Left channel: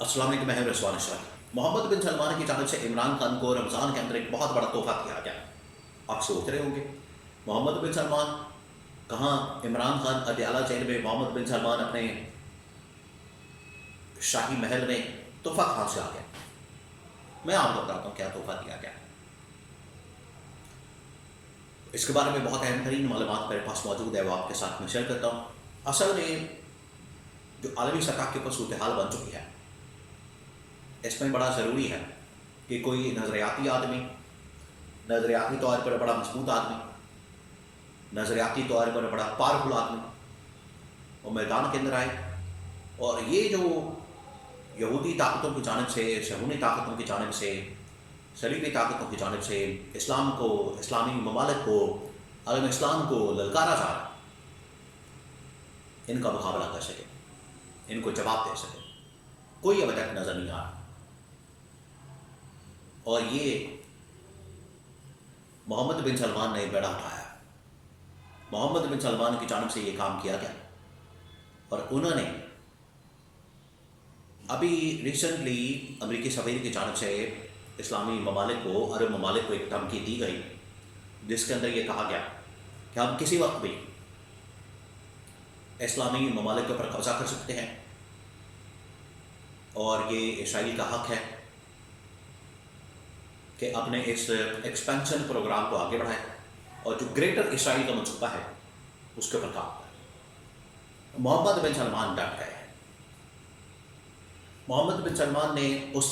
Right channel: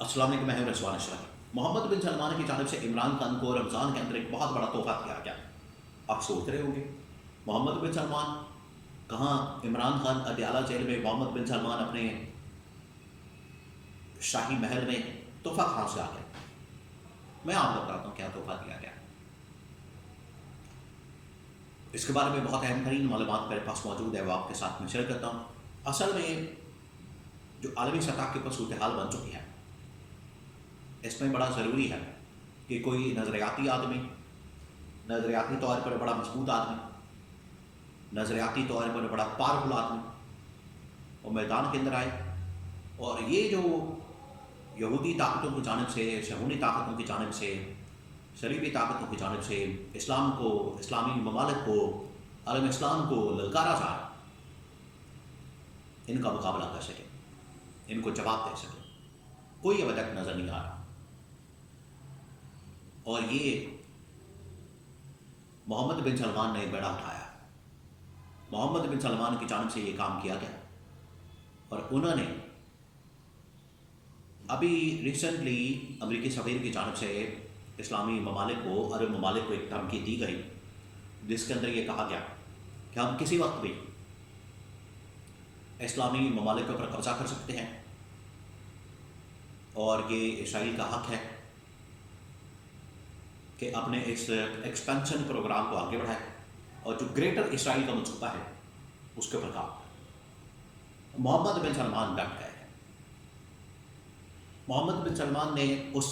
السلام علیکم، میں ہوں رضوان اشرف۔ محمد بن سلمان کی جانب سے عمران خان کو رمضان کے اندر ایک بہت بڑا تحفہ دیا گیا۔ آپ سوچ رہے ہوں گے محمد بن سلمان کہاں؟ عمران خان اڈیالہ جیل میں، محمد بن سلمان اپنے شاہی محل میں، تحفہ کہاں سے آ گیا؟ میں آپ کو بتاتا ہوں کیا تحفہ دیا گیا۔ اس کے بارے میں بہت اہم ترین معلومات میرے پاس موجود ہے، وہ آپ کے ساتھ میں شیئر کرتا ہوں۔ اصل میں جو عالمی سطح کے اوپر صورتحال بن چکی ہے، اس میں بڑا ضروری ہے کہ کوئی نظریاتی آدمی، نظریاتی طور پر بڑا مضبوط آدمی، نظریاتی طور پر بڑا پاورفل آدمی وہ میدان کے اندر آئے، اور یہ جو یہودی طاقتوں کی جانب سے، صہیونی طاقتوں کی جانب سے، صلیبی طاقتوں کی جانب سے اسلام کو، اسلامی ممالک کو، عالم اسلام کو للکارا جا رہا، ان کا مقابلہ کر سکے، ان کو جواب دے سکے، کوئی ابھی تک نظر نہیں آ رہا۔ اور یہ محمد بن سلمان نے بیڑا اٹھایا، محمد بن سلمان کی جانب سے یہ کام کیا گیا، اور انہوں نے ابھی ریسنٹلی امریکی سفیر کی جانب سے اسلامی ممالک کو، عرب ممالک کو ایک دھمکی دی گئی، جس کے اندر یہ کہا گیا کہ ہم کسی وقت بھی اسلامی ممالک کے اوپر قبضہ کر سکتے ہیں، اور یہ اسرائیل کا حق ہے کہ اپنے اس ایکسپینشن پروگرام کو آگے بڑھائے، اور جو گریٹر اسرائیل کا منصوبہ ہے اس کے اوپر کام کرے۔ محمد بن سلمان ڈٹ گئے ہیں۔ محمد بن سلمان نے اس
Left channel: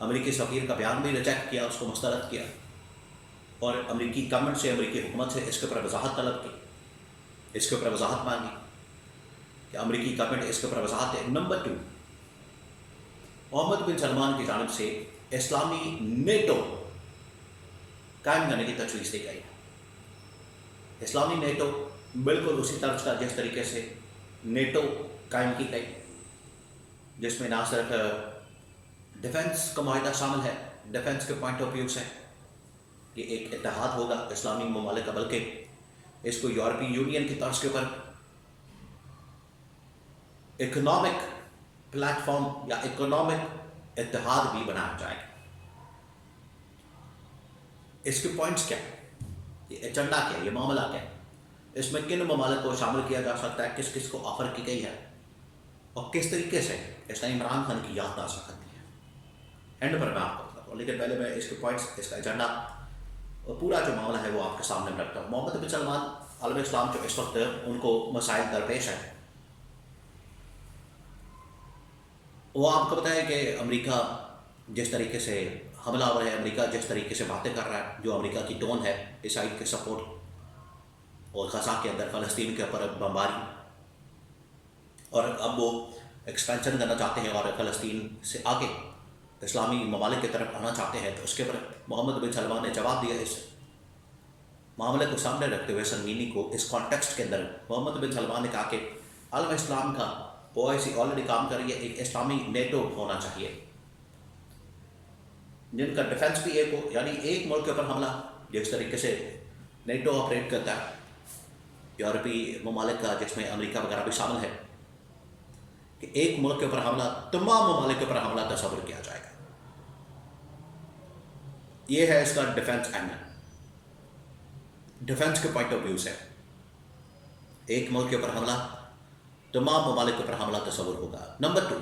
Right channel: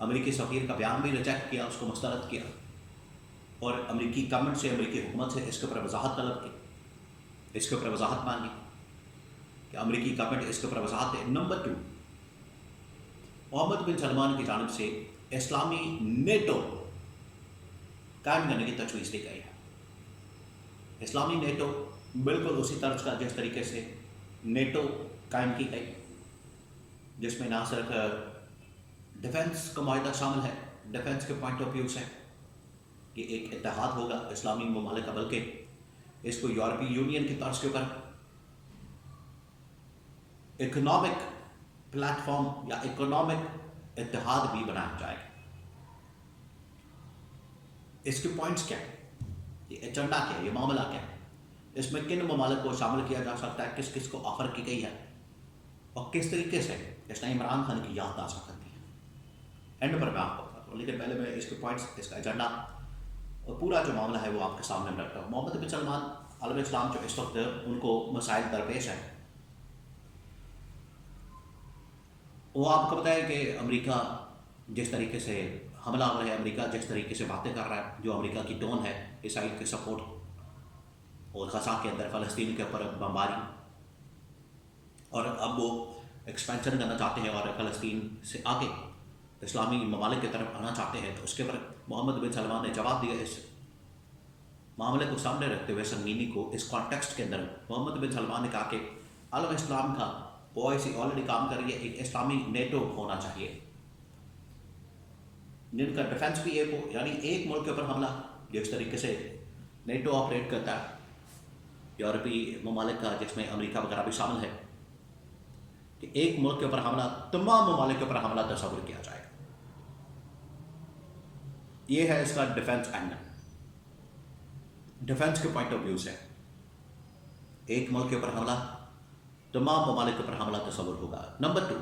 امریکی سفیر کا بیان بھی ریجیکٹ کیا، اس کو مسترد کیا، اور امریکی گورنمنٹ سے، امریکی حکومت سے اس کے اوپر وضاحت طلب کی، اس کے اوپر وضاحت مانگی کہ امریکی گورنمنٹ اس کے اوپر وضاحت دے۔ نمبر 2، محمد بن سلمان کی جانب سے اسلامی نیٹو قائم کرنے کی تجویز دی گئی ہے۔ اسلامی نیٹو بالکل اسی طرز کا جس طریقے سے نیٹو قائم کی گئی، جس میں نہ صرف ڈیفنس کا معاہدہ شامل ہے، ڈیفنس کے پوائنٹ آف ویو سے یہ ایک اتحاد ہوگا اسلامی ممالک کا، بلکہ اس کو یورپی یونین کی طرز کے اوپر اکنامک پلیٹ فارم یا اکنامک اتحاد بھی بنایا جائے گا۔ اس کے پوائنٹس کیا ہیں، یہ ایجنڈا کیا ہے، یہ معاملہ کیا ہے، اس میں کن ممالک کو شامل کیا جا سکتا ہے، کس کس کو آفر کی گئی ہے، اور کس طریقے سے اس نے عمران خان کی یاد تازہ کرتی ہے۔ اینڈ پر میں آپ کو بتاتا ہوں، لیکن پہلے میں اس کے پوائنٹس، اس کا ایجنڈا اور پورا جو معاملہ ہے وہ آپ کے سامنے میں رکھتا ہوں۔ محمد بن سلمان، عالم اسلام جو اس وقت ان کو مسائل درپیش ہیں، وہ آپ کو بتائے کہ امریکہ جس طریقے سے حملہ آور ہے، امریکہ جس طریقے سے باتیں کر رہا ہے، جو امریکہ کی ٹون ہے اسرائیل کے سپورٹ، اور غزہ کے اندر فلسطین کے اوپر بمباری، اور اب وہ ایکسپینشن کرنا چاہتے ہیں اور فلسطین سے آگے اسلامی ممالک کی طرف آنا چاہتے ہیں، تو اس کے اوپر محمد بن سلمان نے جواب دیا۔ اس معاملے کو سامنے رکھتے ہوئے، سنگینی کو، اس کانٹیکسٹ کے اندر محمد بن سلمان نے کہا کہ عالم اسلام کا OIC آلریڈی کام کر رہی ہے، ایک اسلامی نیٹو ہونا چاہیے جن کا ڈیفنس بھی ایک ہو، یعنی ایک ملک کے اوپر حملہ جس طریقے سے نیٹو آپریٹ کرتا ہے، یورپی ممالک کا جس میں امریکہ وغیرہ بھی شامل ہے، کہ ایک ملک کے اوپر حملہ، تمام ممالک کے اوپر حملہ تصور کیا جائے گا۔ یہ ہے اس کا ڈیفنس اینگل، ڈیفنس کے پوائنٹ آف ویو سے ایک ملک کے اوپر حملہ، تمام ممالک کے اوپر حملہ تصور ہوگا۔ نمبر 2،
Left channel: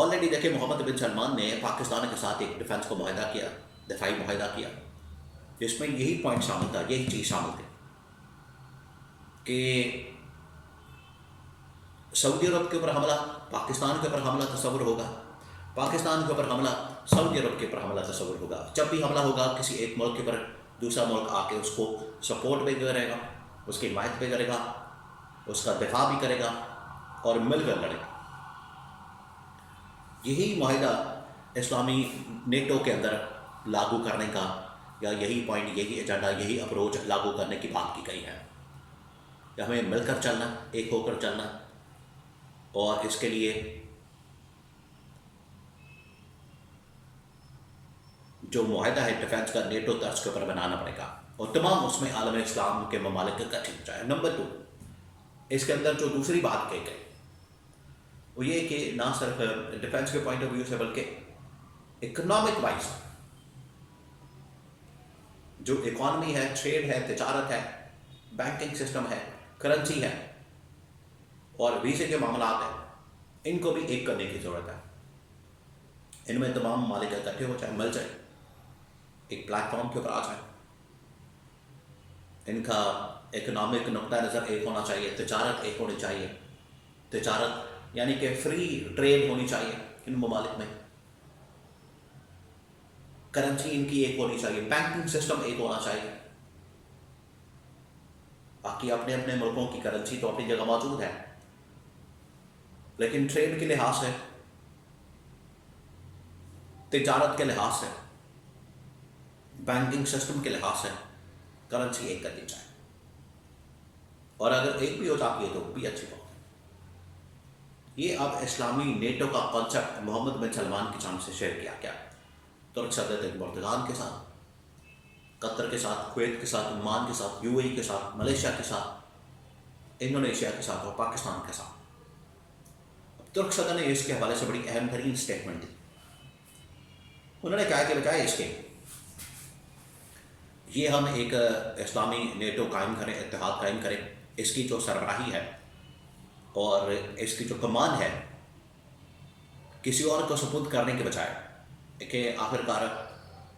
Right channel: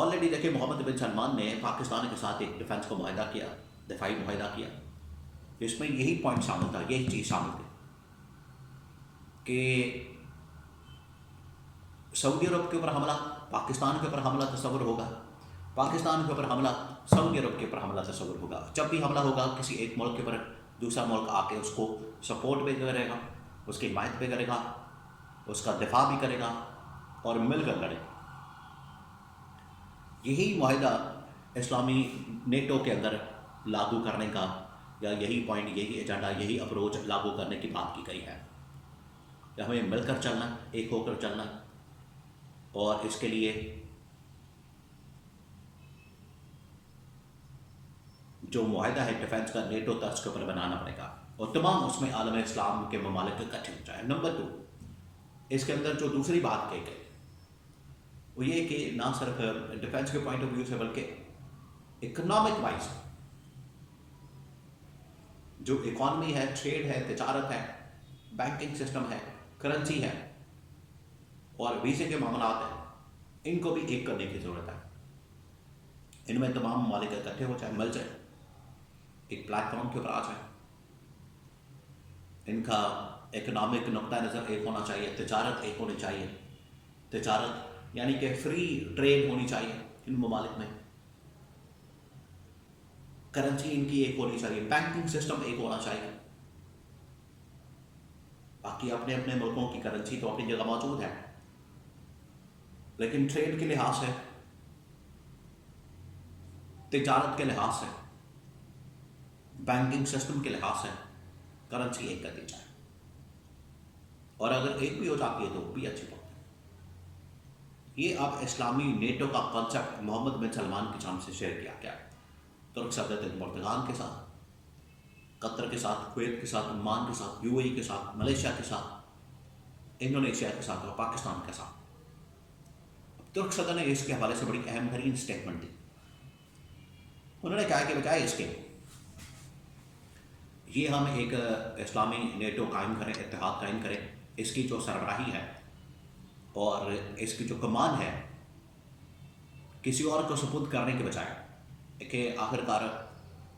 آلریڈی دیکھیں محمد بن سلمان نے پاکستان کے ساتھ ایک ڈیفنس کو معاہدہ کیا، دفاعی معاہدہ کیا، جس میں یہی پوائنٹ شامل تھا، یہی چیز شامل تھی کہ سعودی عرب کے اوپر حملہ، پاکستان کے اوپر حملہ تصور ہوگا، پاکستان کے اوپر حملہ، سعودی عرب کے اوپر حملہ تصور ہوگا۔ جب بھی حملہ ہوگا کسی ایک ملک کے اوپر، دوسرا ملک آ کے اس کو سپورٹ بھی کرے گا، اس کی حمایت بھی کرے گا، اس کا دفاع بھی کرے گا، اور مل کر لڑے گا۔ یہی معاہدہ اسلامی نیٹو کے اندر لاگو کرنے کا، یا یہی پوائنٹ، یہی ایجنڈا، یہی اپروچ لاگو کرنے کی بات کی گئی ہے کہ ہمیں مل کر چلنا، ایک ہو کر چلنا، اور اس کے لیے جو معاہدہ ہے ڈیفنس کا نیٹو طرز کے اوپر بنانا پڑے گا، اور تمام اس میں عالم اسلام کے ممالک اکٹھے ہو جائے۔ نمبر 2، اس کے اندر جو دوسری بات کہی گئی وہ یہ کہ نہ صرف ڈیفینس کے پوائنٹ آف ویو سے بلکہ اکنامک وائز جو اکانومی ہے، ٹریڈ ہے، تجارت ہے، بینکنگ سسٹم ہے، کرنسی ہے اور ویزے کے معاملات ہیں، ان کو بھی ایک کرنے کی ضرورت ہے. ان میں تمام ممالک اکٹھے ہو جائیں، مل جائیں، ایک پلیٹ فارم کے اوپر آ جائیں. ان کا اکنامک نقطہ نظر ایک ہونا چاہیے، تجارت ایک ہونی چاہیے. تجارت یعنی کہ فری ٹریڈ ہونی چاہیے ان ممالک میں. کرنسی ان کی ایک ہونی چاہیے، بینکنگ سسٹم ایک ہونا چاہیے. باقی اپنے اپنے ملکوں کی کرنسی تو اپنی جگہ موجود ہے، لیکن ٹریڈ کے لحاظ سے، تجارت کے لحاظ سے، بینکنگ سسٹم کے لحاظ سے کرنسی ایک کر دی جائے. اور اگر ایک بھی ہو جاتی ہے تو بھی اچھی بات ہے. یہ اب اسلامی نیٹو کا کانسیپٹ محمد بن سلمان کی جانب سے شیئر کیا گیا ترک صدر اردوغان کے ساتھ، قطر کے ساتھ، کویت کے ساتھ، عمان کے ساتھ، یو اے ای کے ساتھ، ملیشیا کے ساتھ، انڈونیشیا کے ساتھ اور پاکستان کے ساتھ. ترک صدر نے اس کے حوالے سے بڑی اہم ترین اسٹیٹمنٹ دی. انہوں نے کہا کہ بجائے اس کے یہ ہم ایک اسلامی نیٹو قائم کریں، اتحاد قائم کریں، اس کی جو سربراہی ہے اور اس کی جو کمان ہے کسی اور کو سپرد کرنے کے بجائے کہ آخرکار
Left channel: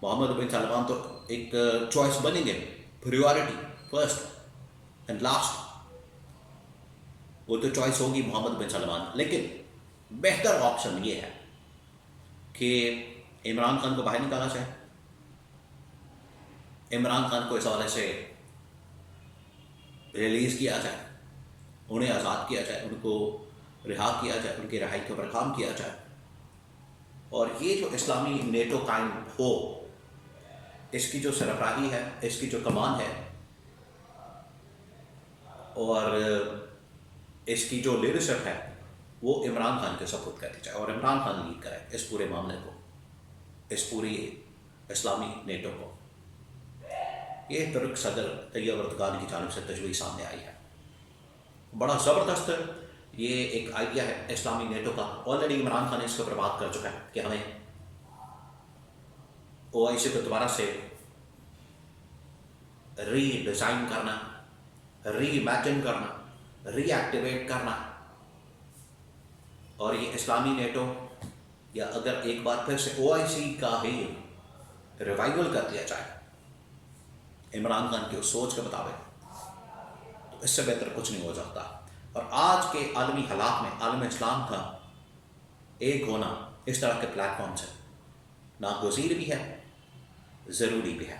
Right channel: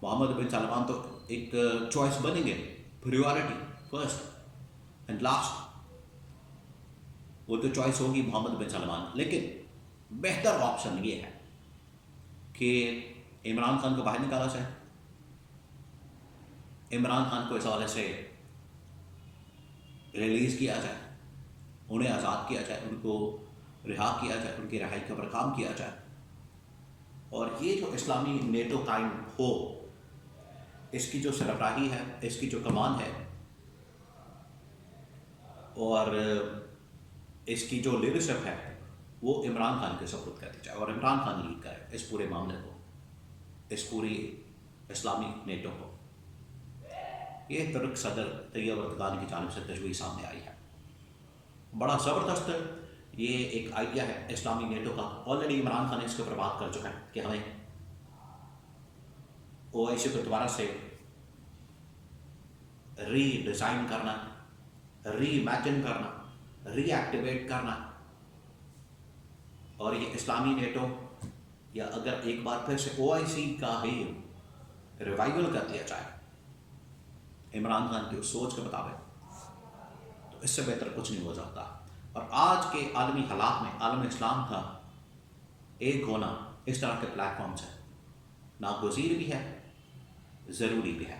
محمد بن سلمان تو ایک چوائس بنیں گے، پریورٹی فرسٹ اینڈ لاسٹ، وہ تو چوائس ہوگی محمد بن سلمان. لیکن بہتر آپشن یہ ہے کہ عمران خان کو باہر نکالا جائے، عمران خان کو اس حوالے سے ریلیز کیا جائے، انہیں آزاد کیا جائے، ان کو رہا کیا جائے، ان کی رہائی کے اوپر کام کیا جائے. اور یہ جو اسلامی نیٹو قائم ہو، اس کی جو سربراہی ہے، اس کی جو کمان ہے اور اس کی جو لیڈرشپ ہے وہ عمران خان کے سپرد کر دی جائے اور عمران خان لیڈ کرے اس پورے معاملے کو، اس پوری اسلامی نیٹو کو. یہ ترک صدر طیب اردوغان کی جانب سے تجویز سامنے آئی ہے. بڑا زبردست یہ ایک آئیڈیا ہے اسلامی نیٹو کا. آلریڈی عمران خان اس کے اوپر بات کر چکا ہے کہ ہمیں او آئی سی کو دوبارہ سے ری ڈیزائن کرنا، ری امیجن کرنا، ری ایکٹیویٹ کرنا. اور یہ اسلامی نیٹو یا اگر ایک بار پھر سے او آئی سی کا ہی ریوائول کر دیا جائے عمران خان کی اس سوچ کے مطابق، تو اس سے بہتر کچھ نہیں ہو سکتا. اور آج کے عالمی حالات میں عالم اسلام کا ایک ہونا اس طرح کے پلیٹ فارم سے ناگزیر بھی ہے، ضروری بھی ہے.